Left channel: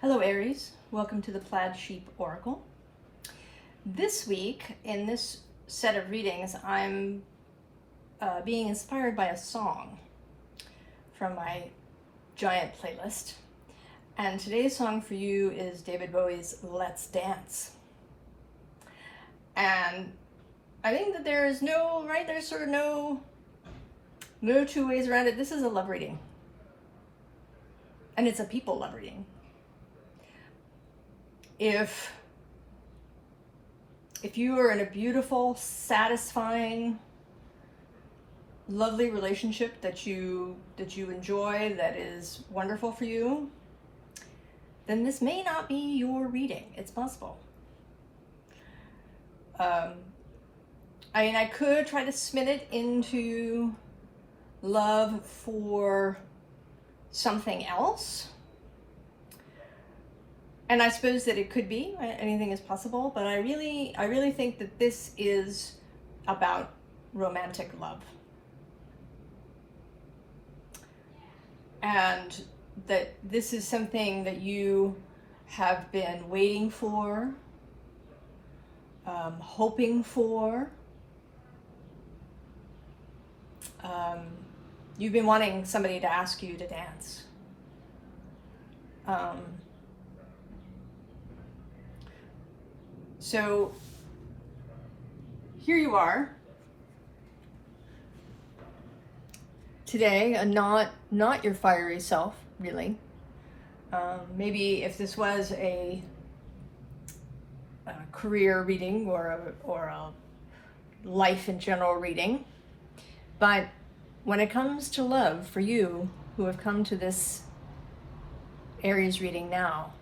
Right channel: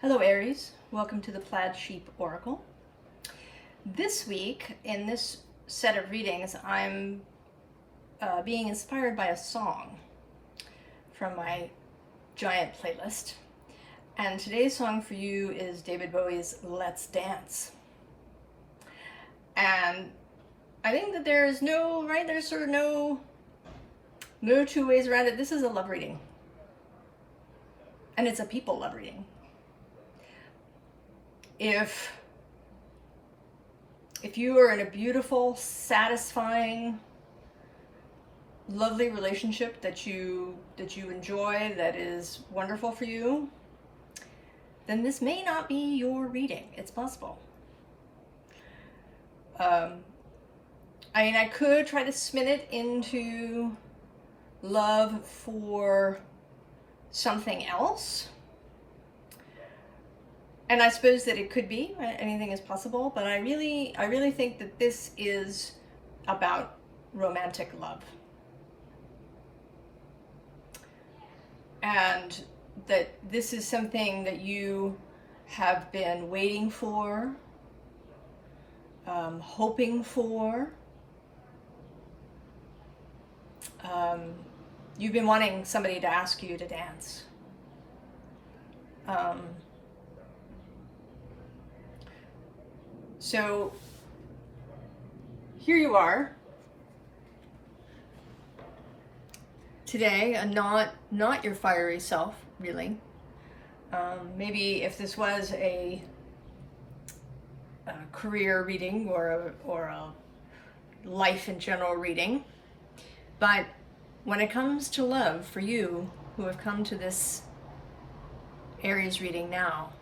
Hello Aries, welcome to the Plaid Sheep Oracle. This week, in this set of readings, I'm being inspired by a song from my giant playlist. And today's song for you is David Bowie's Let's Dance. And I think that there's sort of no two ways around it. This is a love reading. And it's a people love reading. If you are in a beautiful, satisfying, lovely relationship that you enjoy, that is wonderful for you, then this may not be your reading. It's possible. I could try to spin it into love for something else. And I suppose that it could be, anything is possible, but I really think that this is about romantic love. And that this is something that you have been waiting for, hoping for. You've been wanting somebody to ask you to dance. So here you are today, and not your fiery self, really. Maybe if this was a career reading or a life in general reading, but when it comes to love, for you who have come to this Aries reading now,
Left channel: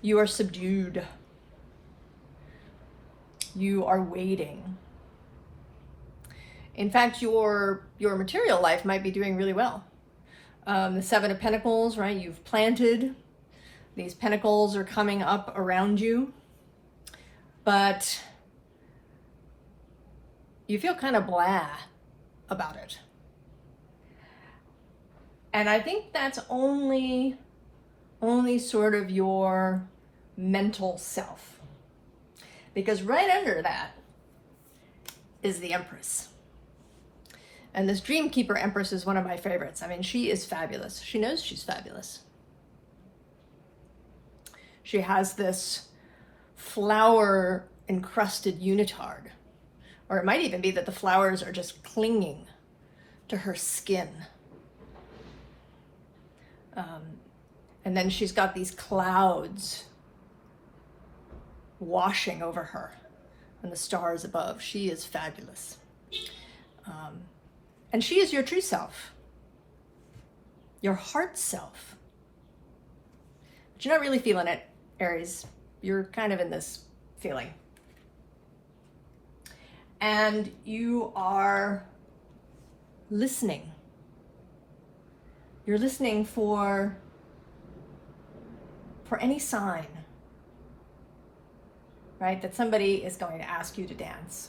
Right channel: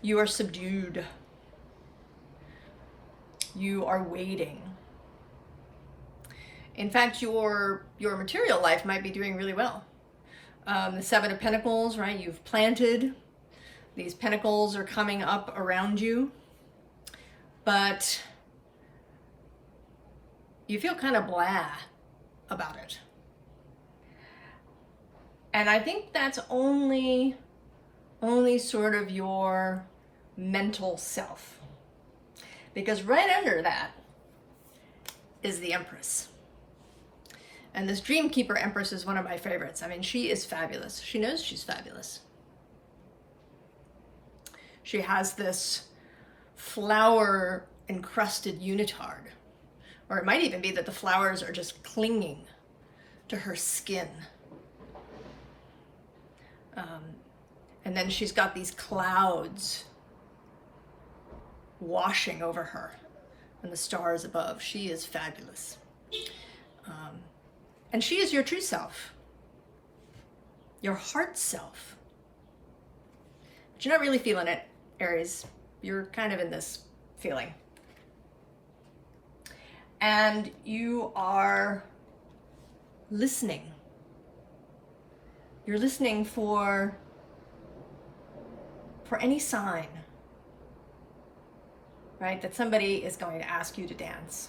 you are subdued. You are waiting. In fact, your material life might be doing really well. The Seven of Pentacles, right? You've planted. These pentacles are coming up around you. But you feel kind of blah about it. And I think that's only sort of your mental self. Because right under that is the Empress. And this Dreamkeeper Empress is one of my favorites. I mean, she is fabulous. She knows she's fabulous. She has this flower encrusted unitard. Or it might even be that the flowers are just clinging to her skin. And then she's got these clouds washing over her and the stars above. She is fabulous. And she is your true self, your heart self. But you're not really feeling it, Aries. You're kind of in this feeling. And you are listening. You're listening for any sign, right? That somebody is going to ask you to dance.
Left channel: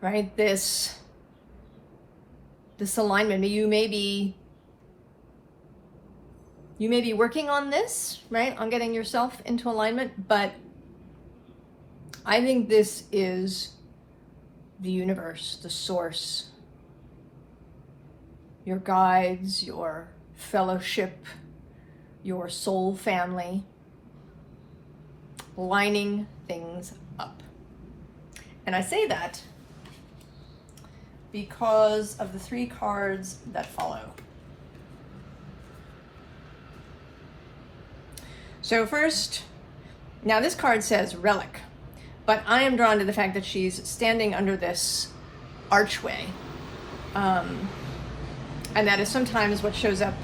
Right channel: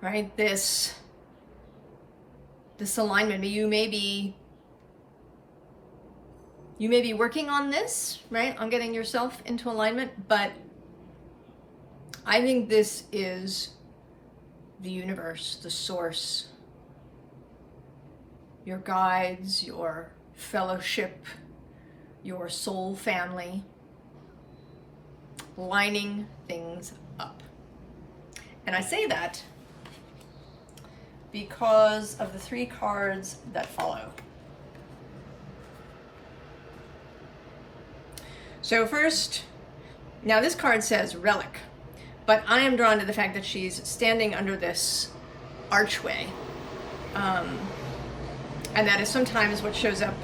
Right? This alignment, you may be working on this, right? On getting yourself into alignment, but I think this is the universe, the source, your guides, your fellowship, your soul family, lining things up. And I say that because of the three cards that follow. So first, now this card says relic, but I am drawn to the fact that she's standing under this archway. And that is sometimes what shows up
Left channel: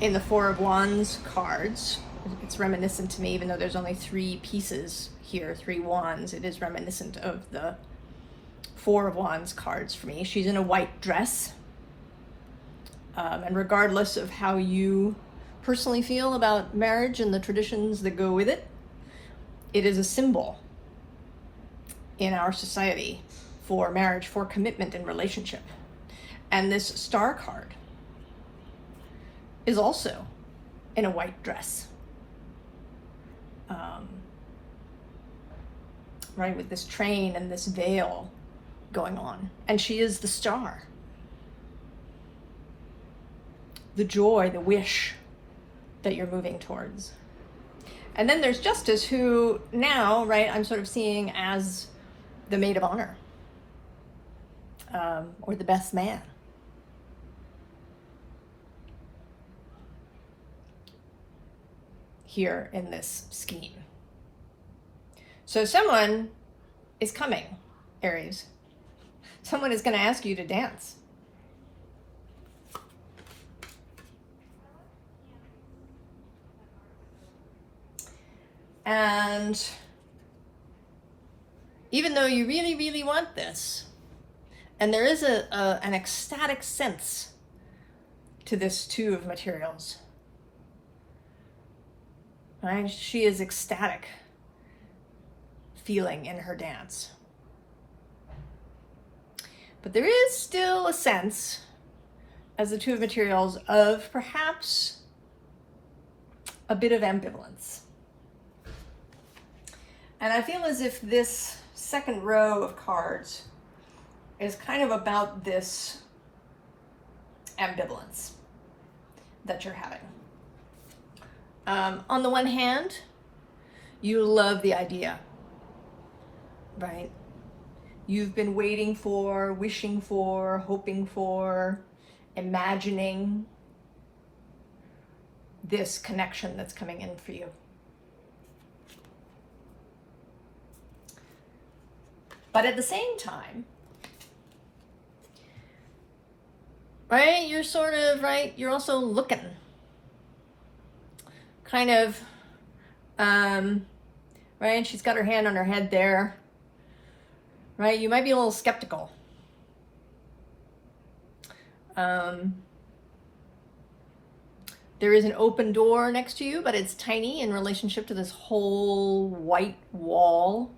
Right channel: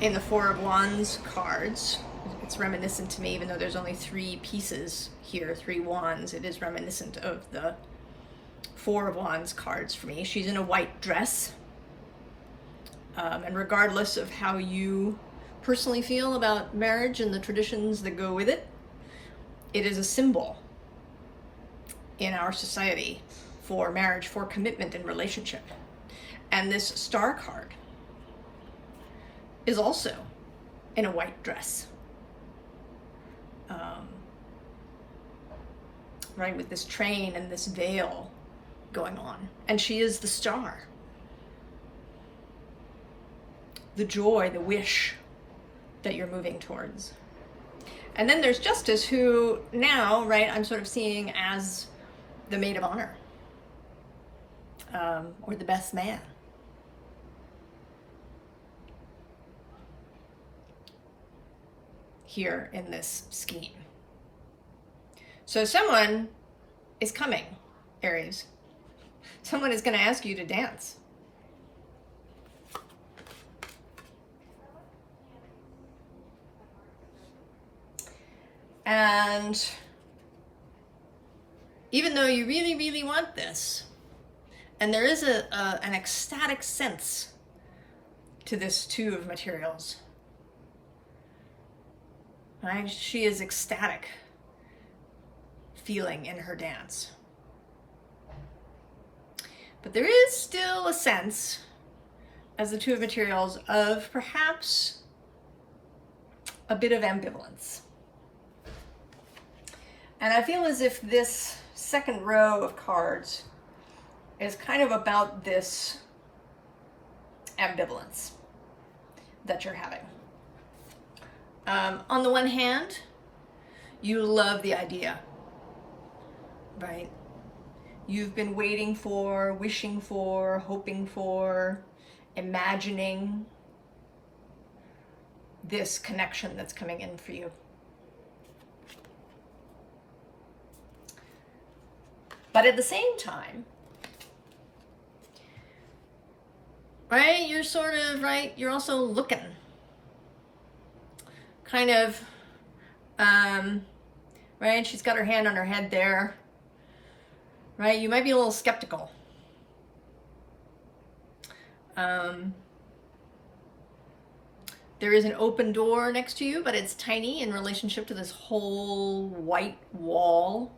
in the Four of Wands cards. It's reminiscent to me, even though there's only three pieces here, three wands, it is reminiscent of the Four of Wands cards for me. She's in a white dress. And regardless of how you personally feel about marriage and the traditions that go with it, it is a symbol. in our society for marriage, for commitment and relationship. And this Star card is also in a white dress. Right, with this train and this veil going on. And she is the star. The joy, the wish that you're moving towards. And then there's Justice, who now, right, I'm sort of seeing as the maid of honor. Or the best man. Here in this scheme. So someone is coming, Aries. Someone is going to ask you to dance. And even though you really, really want this, and there is an ecstatic sense to this Two of Materials, right? She is ecstatic feeling in her dance. But there is still a sense, as the Two of Materials, of perhaps a bit of ambivalence. And I feel as if this second row of cards is kind of about this ambivalence that you're having. On the one hand, you love the idea, right? You've been waiting for, wishing for, hoping for, imagining this connection that's coming in for you. But at the same time, right, you're sort of, right, you're also looking. Kind of, right, she's got her hand on her head there. Right, you might be a little skeptical. There is an open door next to you, but it's tiny in relationship to this whole white wall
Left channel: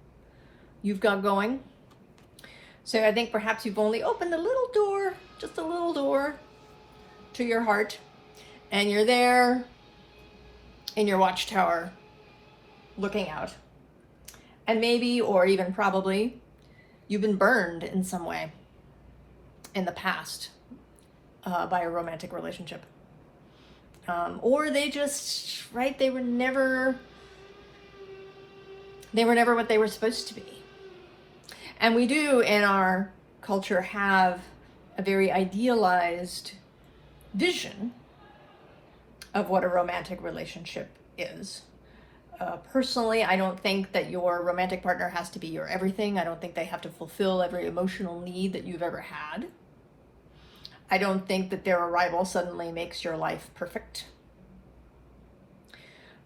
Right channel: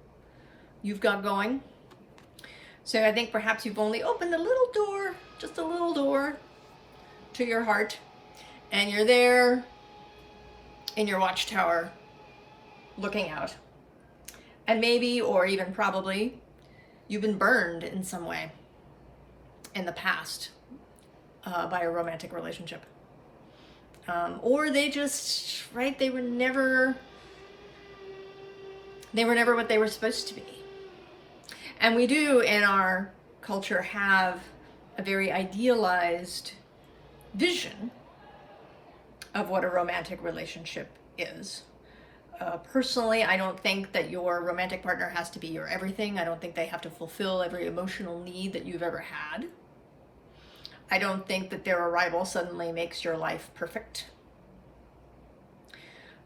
you've got going. So I think perhaps you've only opened a little door, just a little door to your heart, and you're there in your watchtower looking out. And maybe, or even probably, you've been burned in some way in the past by a romantic relationship. Or they just, right, they were never what they were supposed to be. And we do in our culture have a very idealized vision of what a romantic relationship is. Personally, I don't think that your romantic partner has to be your everything. I don't think they have to fulfill every emotional need that you've ever had. I don't think that their arrival suddenly makes your life perfect.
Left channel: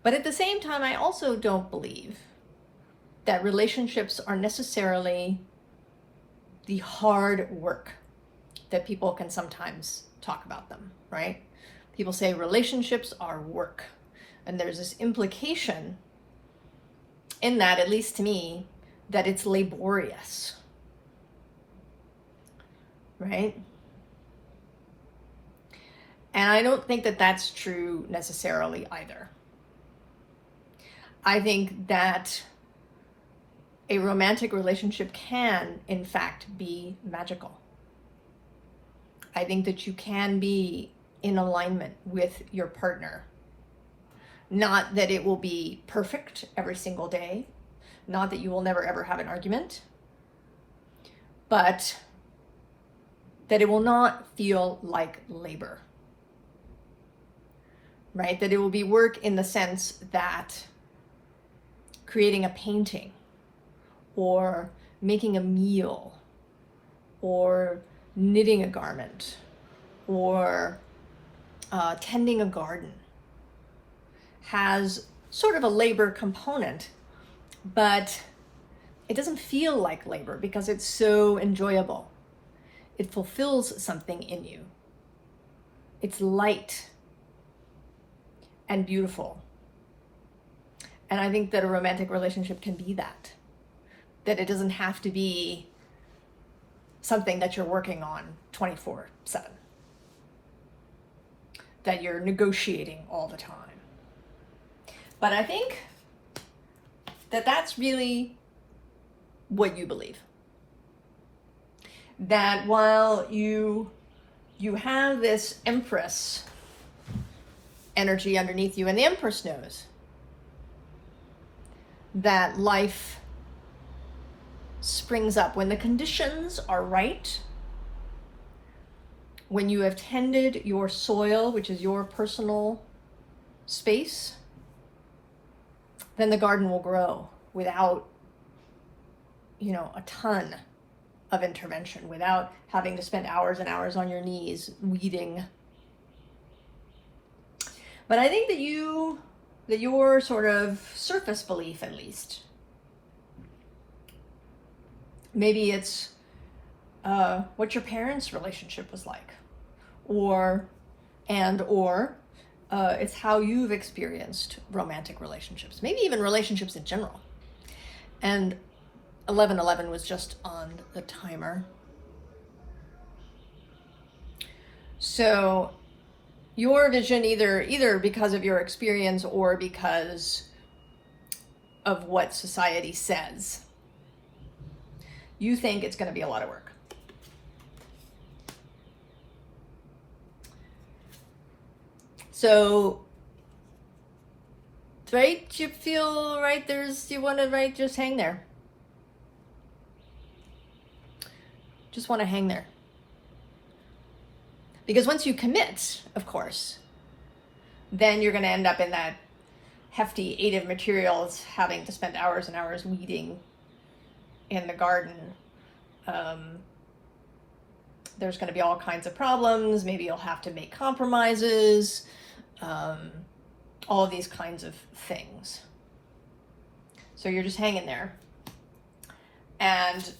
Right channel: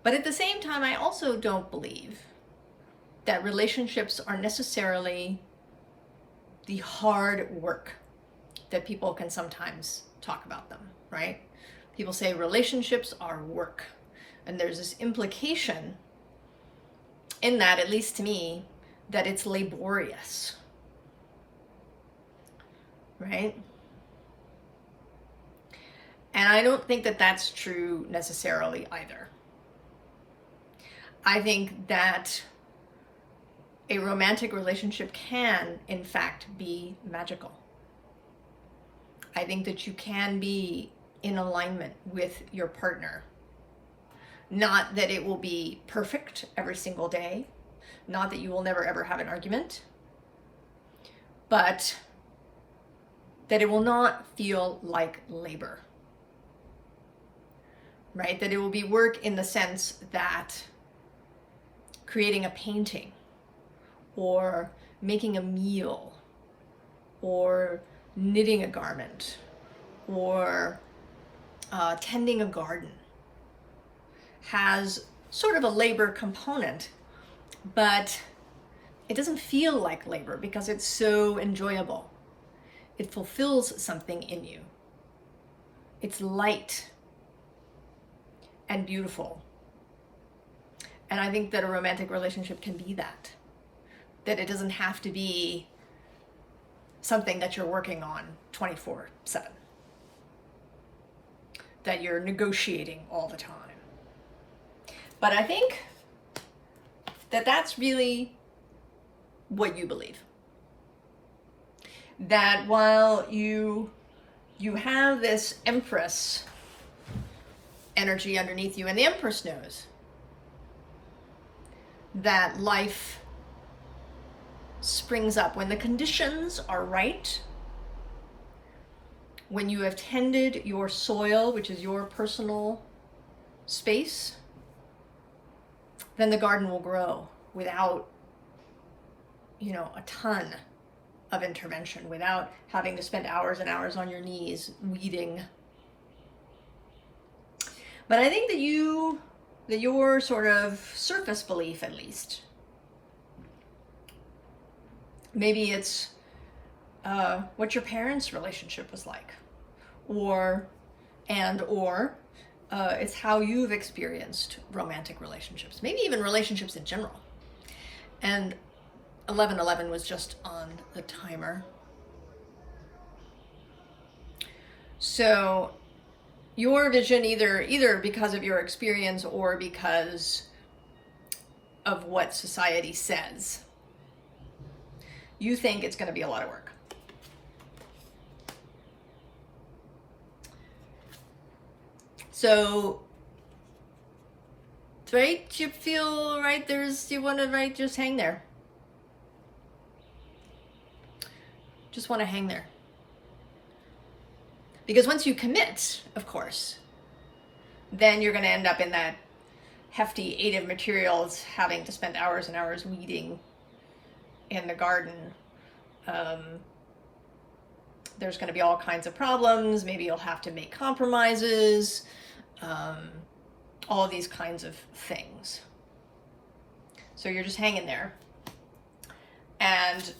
But at the same time, I also don't believe that relationships are necessarily the hard work that people can sometimes talk about them, right? People say relationships are work. And there's this implication in that, at least to me, that it's laborious, right? And I don't think that that's true necessarily either. I think that a romantic relationship can, in fact, be magical. I think that you can be in alignment with your partner. Not that it will be perfect every single day, not that you will never ever have an argument, but that it will not feel like labor, right? That it will be work in the sense that creating a painting or making a meal or knitting a garment or tending a garden has sort of a labor component, but it doesn't feel like labor because it's so enjoyable. It fulfills something in you. It's light and beautiful. And I think that a romantic relationship can be that. that it doesn't have to be something that you're working on 24/7, that you're negotiating all the time. But I think that that's really what you believe. That while you have this Empress energy underneath you, and the Empress knows that life springs up when the conditions are right, when you have tended your soil, which is your personal space, then the garden will grow without, a ton of intervention, without having to spend hours and hours on your knees weeding. But I think that your sort of surface belief, at least, maybe it's what your parents' relationship was like, or it's how you've experienced romantic relationships, maybe even relationships in general. And 1111 was just on the timer. So your vision, either because of your experience or because of what society says, you think it's going to be a lot of work. So, right, you feel right, you want to, right, just hang there. Just want to hang there. Because once you commit, of course, then you're going to end up in that hefty 8 of materials, having to spend hours and hours weeding in the garden. There's going to be all kinds of problems. Maybe you'll have to make compromises. All of these kinds of things. So you're just hanging there. And,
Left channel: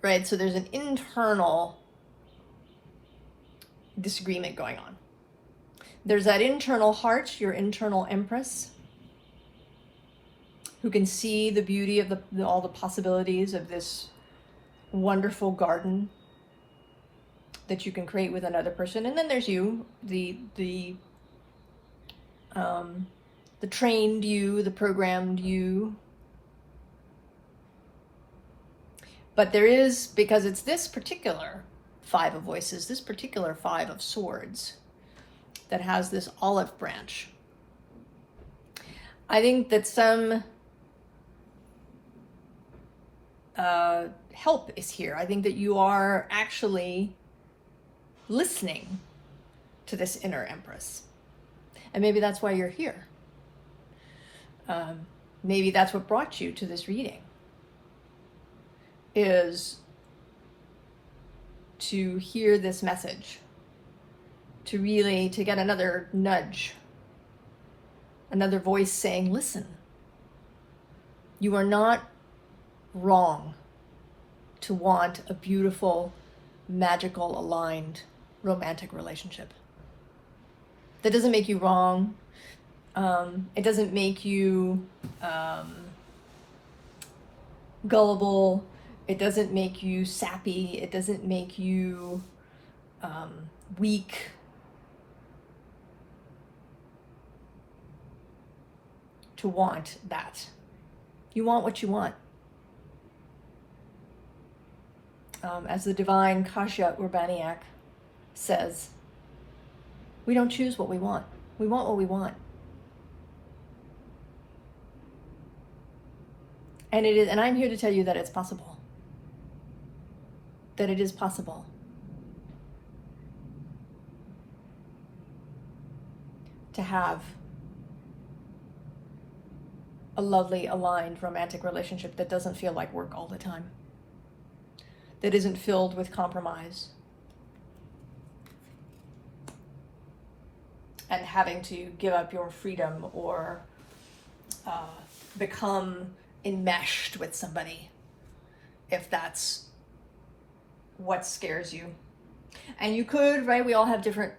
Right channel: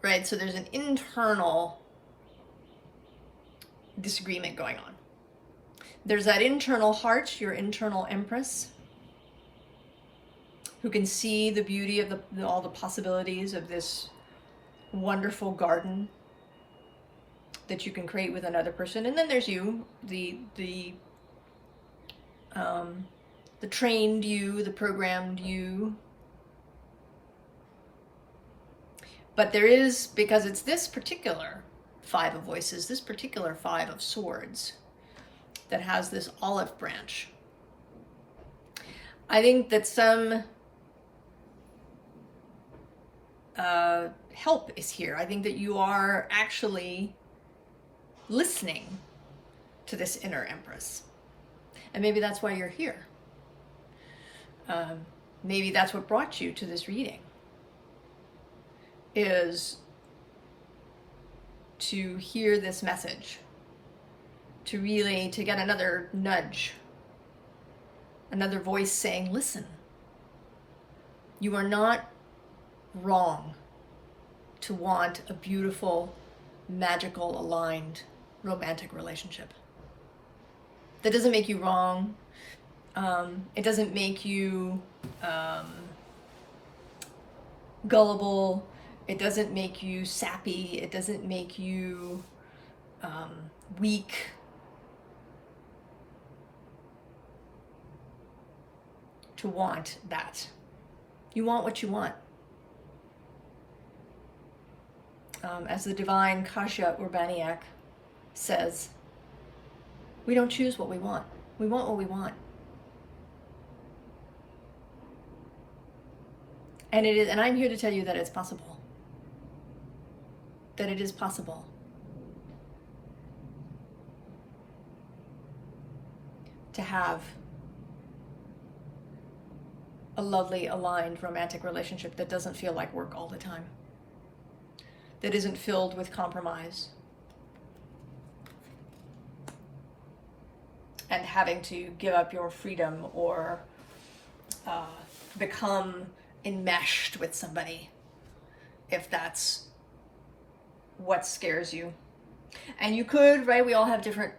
right, so there's an internal disagreement going on. There's that internal heart, your internal Empress, who can see the beauty of all the possibilities of this wonderful garden that you can create with another person. And then there's you, the trained you, the programmed you. But there is, because it's this particular 5 of Voices, this particular 5 of Swords, that has this olive branch. I think that some help is here. I think that you are actually listening to this inner Empress. And maybe that's why you're here. Maybe that's what brought you to this reading, is to hear this message, to get another nudge, another voice saying, listen, you are not wrong to want a beautiful, magical, aligned, romantic relationship. That doesn't make you wrong. It doesn't make you gullible. It doesn't make you sappy. It doesn't make you weak. To want that. You want what you want. As the divine Kasia Urbaniak says, we don't choose what we want. We want what we want. And it is, and I'm here to tell you that it's possible. That it is possible. To have a lovely, aligned, romantic relationship that doesn't feel like work all the time. That isn't filled with compromise. And having to give up your freedom or become enmeshed with somebody, if that's what scares you. And you could, right, we all have different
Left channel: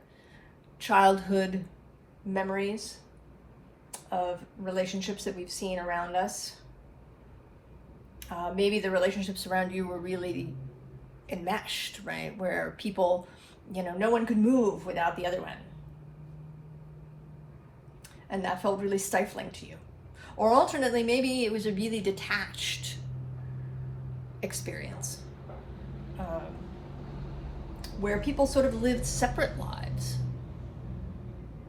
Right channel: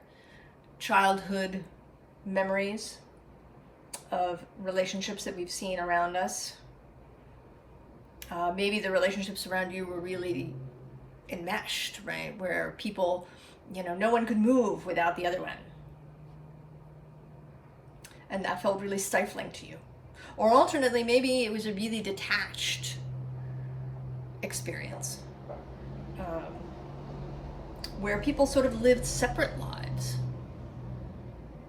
childhood memories of relationships that we've seen around us. Maybe the relationships around you were really enmeshed, right? Where people, you know, no one could move without the other one. And that felt really stifling to you. Or alternately, maybe it was a really detached experience, where people sort of lived separate lives,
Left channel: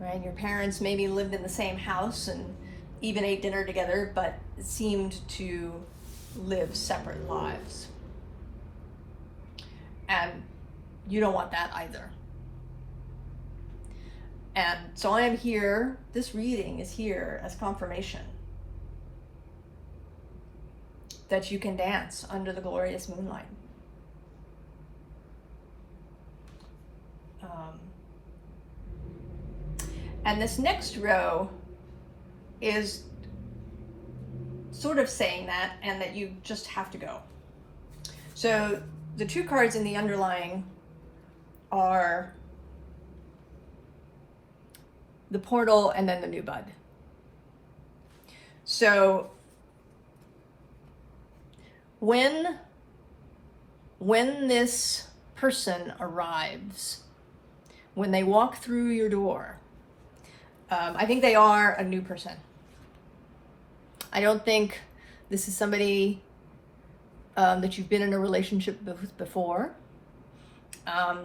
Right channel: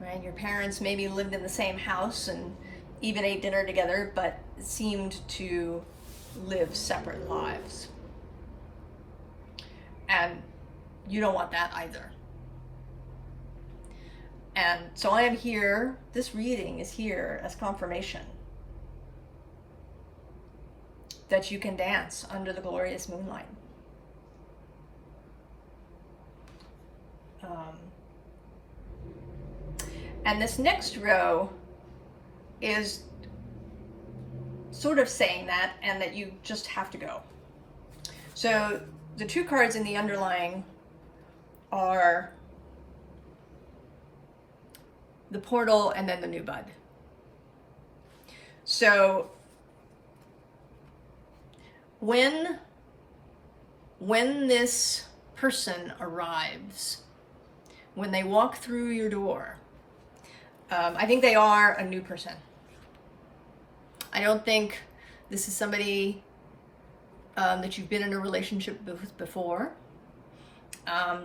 right? Your parents maybe lived in the same house and even ate dinner together, but seemed to live separate lives. And you don't want that either. And so I am here, this reading is here as confirmation that you can dance under the glorious moonlight. And this next row is sort of saying that, and that you just have to go. So the two cards in the underlying are the portal and then the new bud. So when this person arrives, when they walk through your door, I think they are a new person. I don't think this is somebody that you've been in a relationship with before.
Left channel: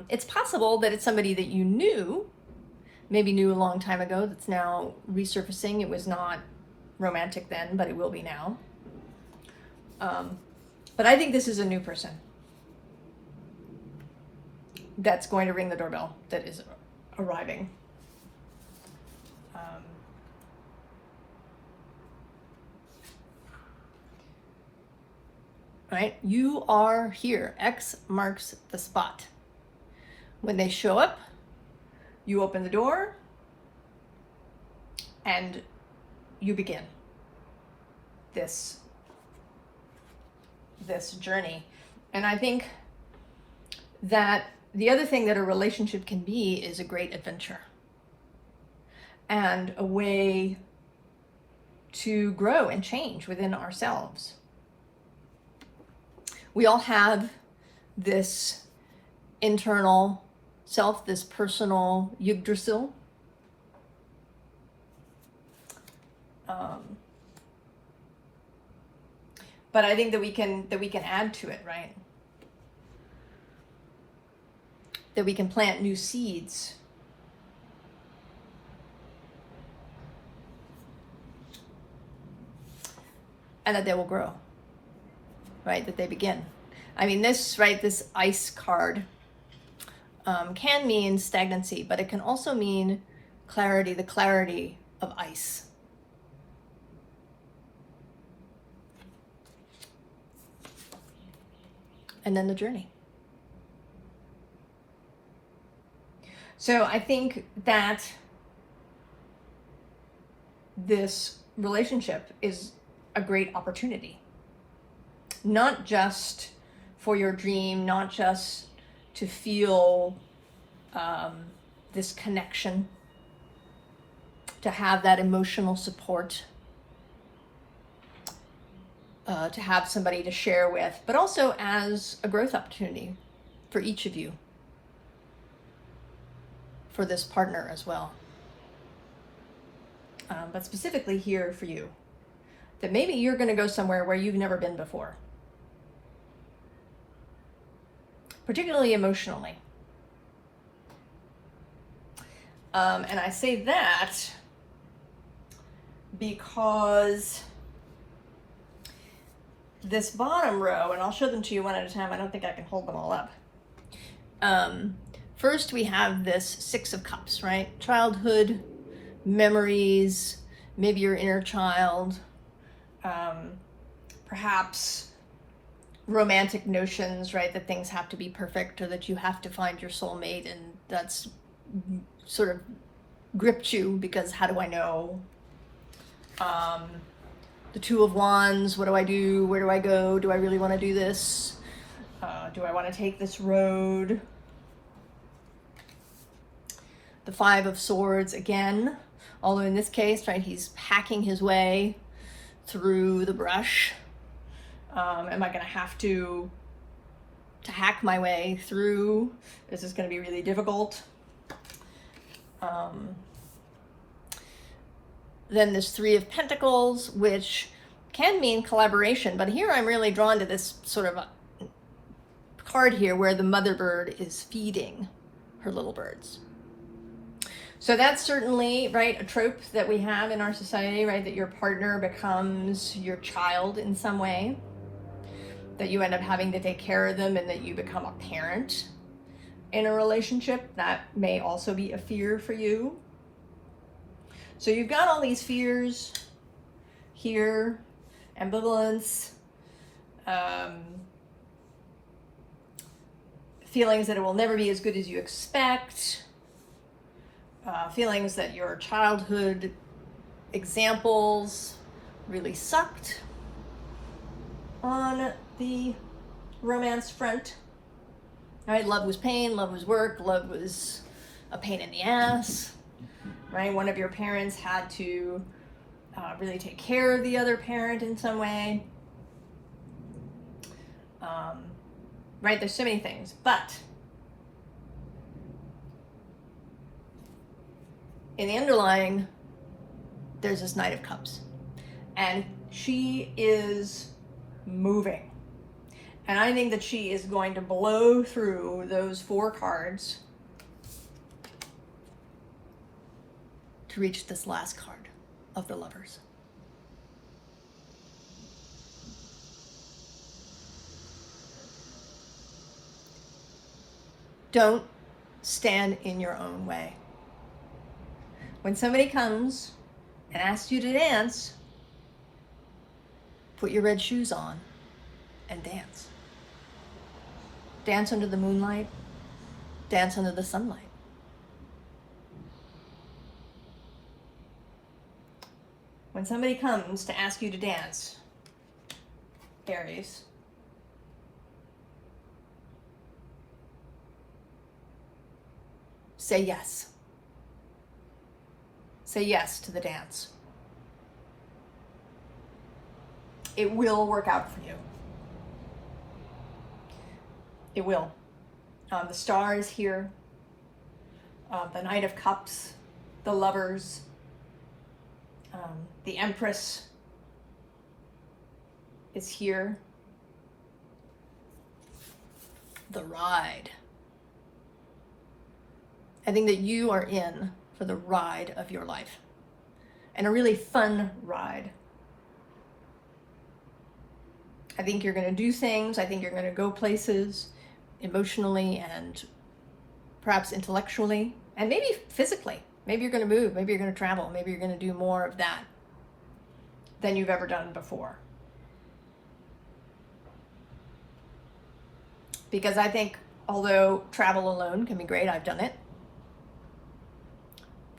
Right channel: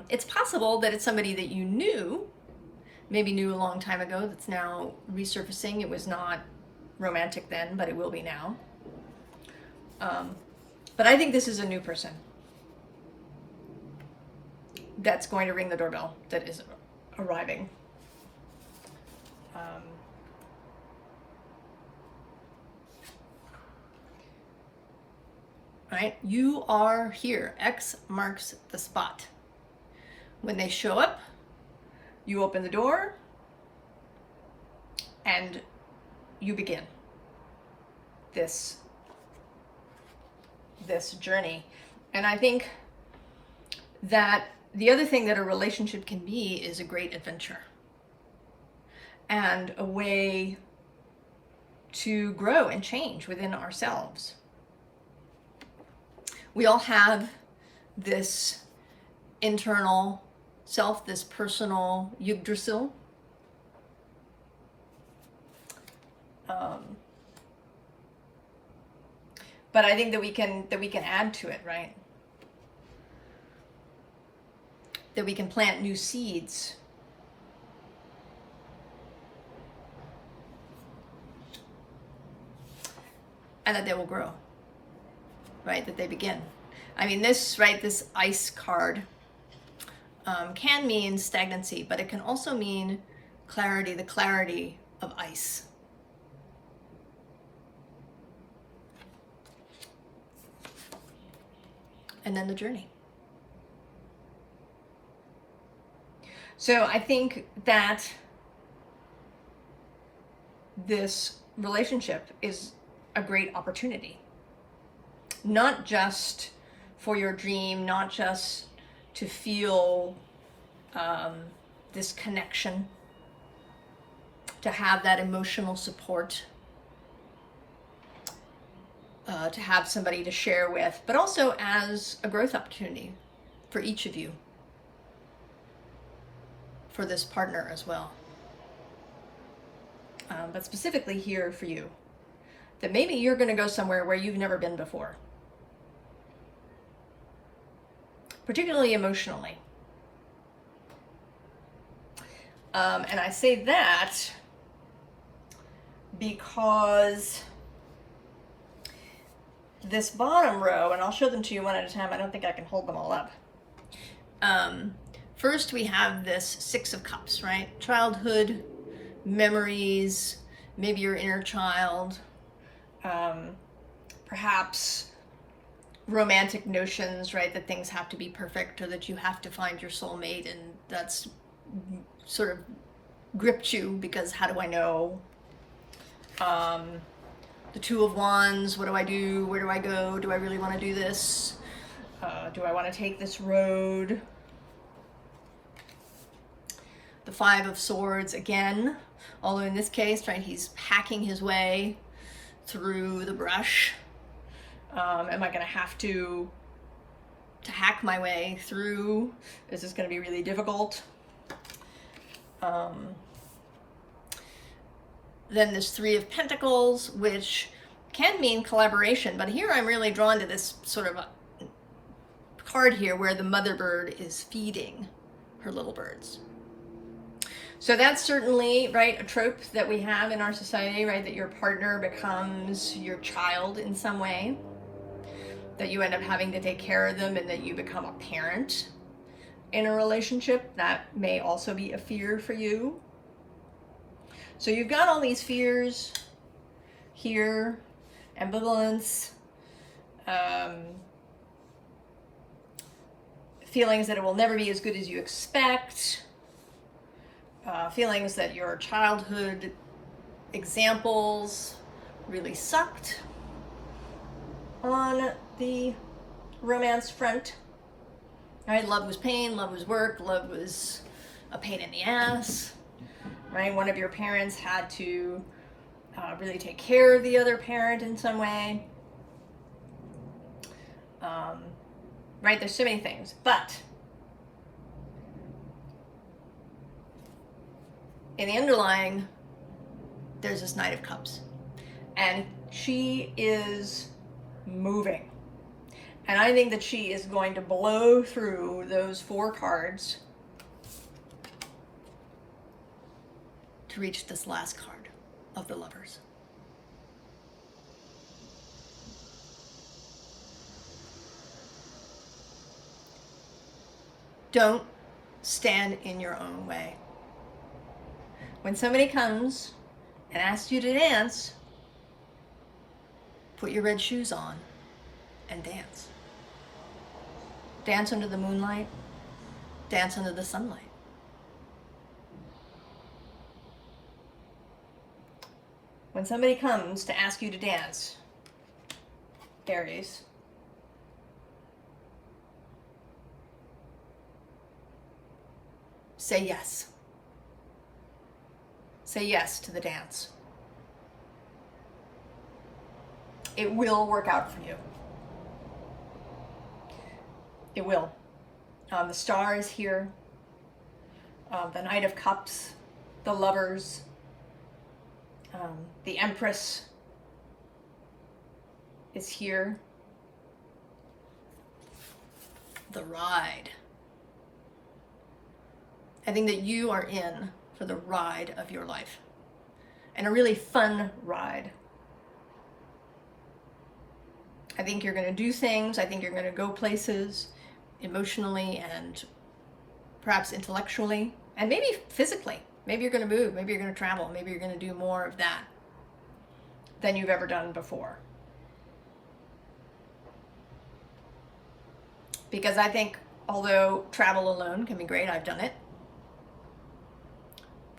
It's possible that it's somebody that you knew, maybe knew a long time ago, that's now resurfacing. It was not romantic then, but it will be now. But I think this is a new person that's going to ring the doorbell, that is arriving. Right? You are here. X marks the spot. When they show up, you open the door and you begin this journey. And I think that the other thing that a relationship can be is a great adventure and a way to grow and change within ourselves. We all have this internal self, this personal Yggdrasil. But I think that we can add to it, right? That we can plant new seeds. And that they will grow, right? That they begin. I mean, this ice card can mean stagnancy, but it can also mean clarity, the clarity of ice. And then the journey. So I think that this relationship is a great opportunity, not just for your dream, not just to feel this connection, to have that emotional support, to have somebody to share with, but also as a growth opportunity for each of you, for this partner as well. But specifically here for you, that maybe you're going to go somewhere where you've never been before, particularly emotionally. And I say that because this bottom row, and I'll show them to you one at a time, I don't think I can hold them all up. First we have this Six of Cups, right? Childhood memories, maybe your inner child, perhaps romantic notions, right? That things have to be perfect, or that you have to find your soulmate, and that's sort of gripped you because how do I know? The Two of Wands, what do I do? Where do I go? Do I really want to do this? Do I want to take this road? The Five of Swords again, although in this case, right, he's hacking his way through the brush. Am I going to have to hack my way through? Is this going to be really difficult? Then there's Three of Pentacles, which can mean collaboration, but here I'm really drawn to this sort of a card here where the mother bird is feeding her little birds. So that's certainly, right, a trope that we have in our society, right, that your partner becomes your child in some way, that you end up having to take care of them, and that you become a parent in a relationship. That may also be a fear for you. So you've got all these fears here, ambivalence, feelings that it will never be as good as you expect, feelings that your childhood examples really sucked on the romance front. Right? Love was pain, love was work, love was a pain in the ass. Right? One of your parents had to really take care of the other parent in some way. Right? There's so many things, but in the underlying, there's this Knight of Cups, and she is moving. And I think that she is going to blow through those 4 cards to reach this last card of the Lovers. Don't stand in your own way. When somebody comes and asks you to dance, put your red shoes on and dance. Dance under the moonlight. Dance under the sunlight. When somebody comes to ask you to dance, Aries, say yes. Say yes to the dance. It will work out for you. It will. The Star is here. The Knight of Cups, the Lovers, the Empress is here. The Ride. I think that you are in for the ride of your life, and a really fun ride. I think you're going to do things. I think you're going to go places emotionally and perhaps intellectually, and maybe physically. Maybe you're going to move. Maybe you're going to travel. Maybe you're going to do more of that than you've ever done before. Because I think, although travel alone can be great, I've done it,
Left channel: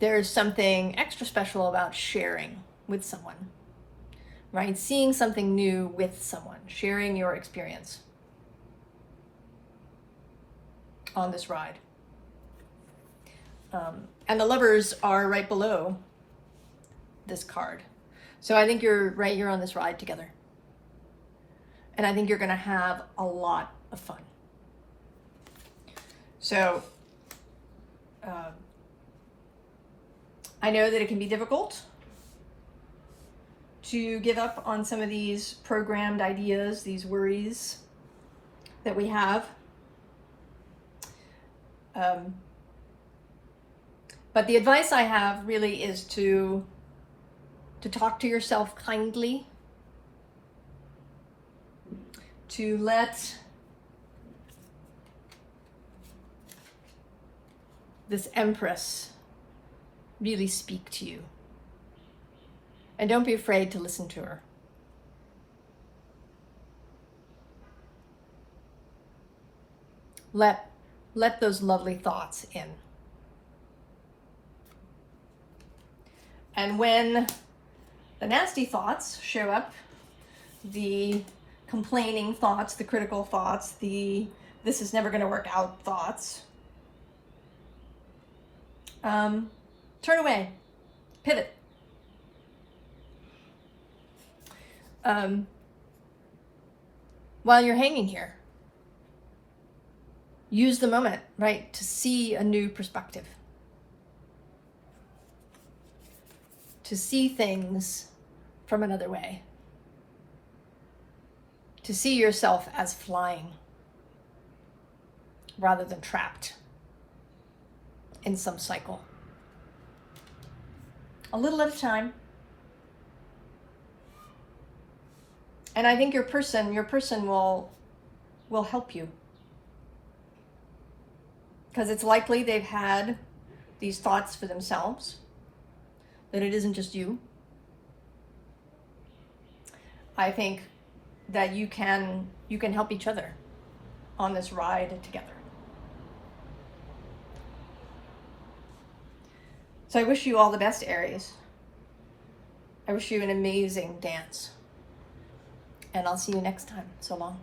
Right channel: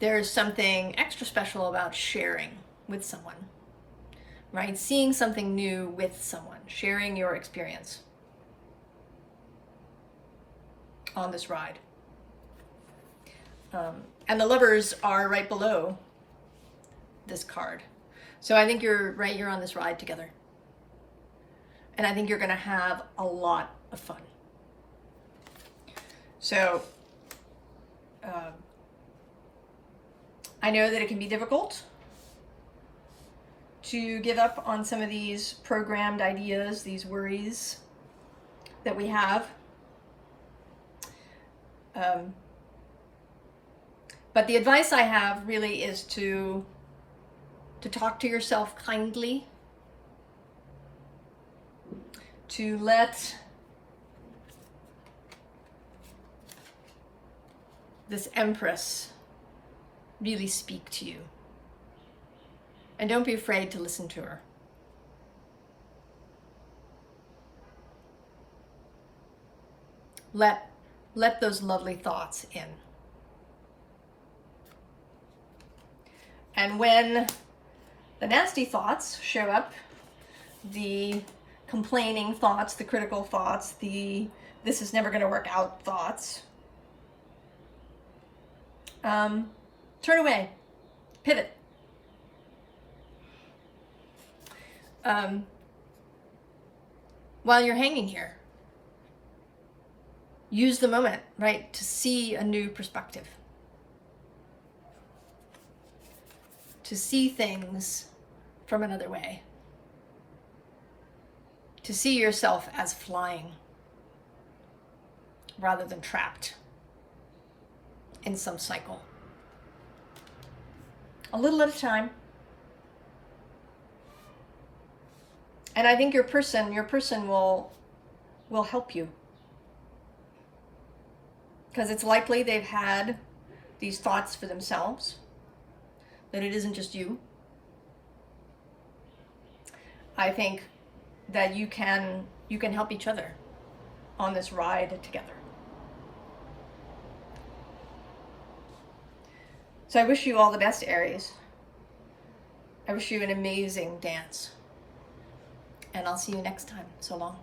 there's something extra special about sharing with someone, right? Seeing something new with someone, sharing your experience on this ride. And the Lovers are right below this card. So I think you're on this ride together. And I think you're going to have a lot of fun. So, I know that it can be difficult to give up on some of these programmed ideas, these worries that we have. But the advice I have really is to talk to yourself kindly, to let this Empress really speak to you. And don't be afraid to listen to her. Let those lovely thoughts in. And when the nasty thoughts show up, the complaining thoughts, the critical thoughts, the this is never going to work out thoughts, turn away, pivot. while you're hanging here. Use the moment, right, to see a new perspective. To see things from another way. To see yourself as flying rather than trapped in some cycle. A little at a time. And I think your person will help you. Because it's likely they've had these thoughts for themselves, that it isn't just you. I think that you can help each other on this ride together. So I wish you all the best, Aries. I wish you an amazing dance. And I'll see you next time. So long.